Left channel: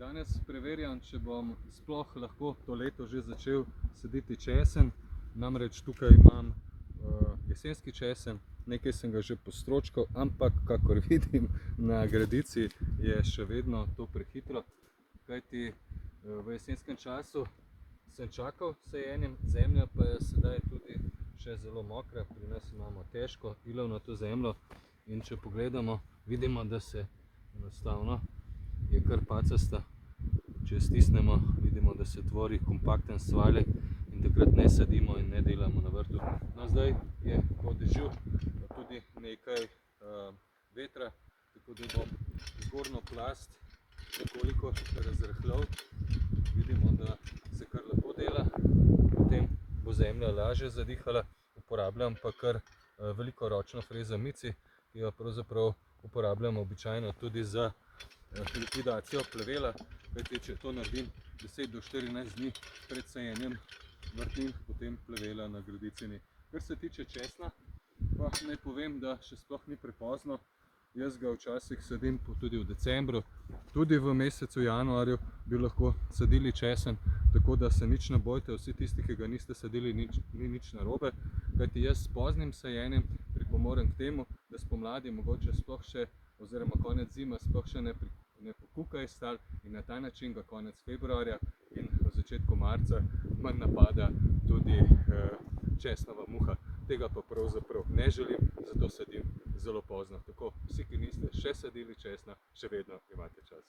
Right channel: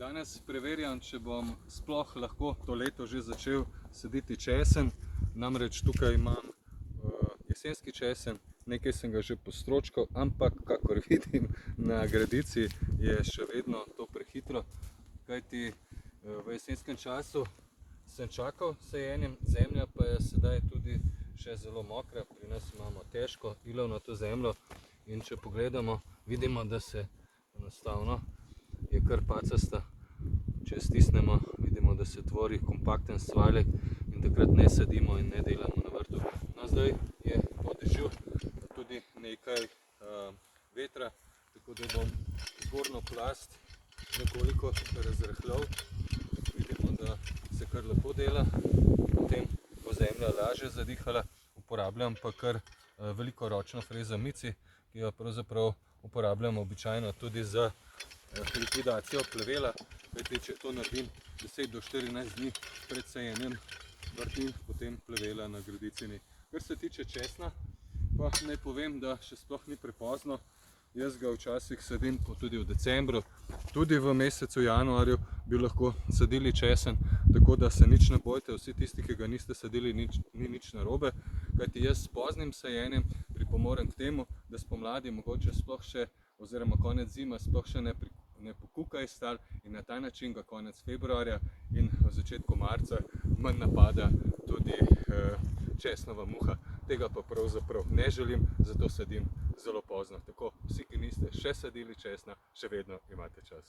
Danes preverjam, če bom sploh lahko to leto že začel saditi česen. Namreč tukaj imam jesenski česen, nekaj sem ga že postročkal, ampak kakor vidim na gredici je še vedno to prehitro, kajti v jesenskem času sem čakal s sajenjem, zemlja pa je sedaj tudi še zelo mokra, pri nas imamo težko ilovnato zemljo in če pogledamo, vidimo, da se enostavno je kar pacasta. Če stisnemo, vidimo, da se tvori kompakten svaljek in takrat ne sadimo in ne delamo na vrtu. No, zdaj je po dežju tudi nekaj vetra, tako da bom zgornjo plast nekoliko razrahljal. Vidimo, da se kar lepo dela, potem bo zemlja lažje zadihala. Uporabljam pa kar veliko ročno frezo mici, ki jo pravzaprav uporabljam običajno tudi za likvidacijo plevela, kajti če to naredim 10 do 14 dni pred sajenjem vrtnin, potem plevela na gredici ni. Kar se tiče česna, pa naj povem, da še sploh ni prepozno. Jaz ga včasih sadim tudi v decembru, tudi v mesecu januarju bi lahko sadili česen, tako da se nič ne bojte, vsi tisti, ki ga niste sadili, ni nič narobe, kajti jaz s poznim sajenjem pripomorem k temu, da spomladi mogoče sploh še, oziroma konec zime sploh še ne pokuka iz tal in na ta način ga konec februarja in v začetku marca manj napada tudi česnova muha. Tega pa pravzaprav ne želim, zato sadim zelo pozno. Tako, vsi, ki niste še sadili česna, še vedno imate čas.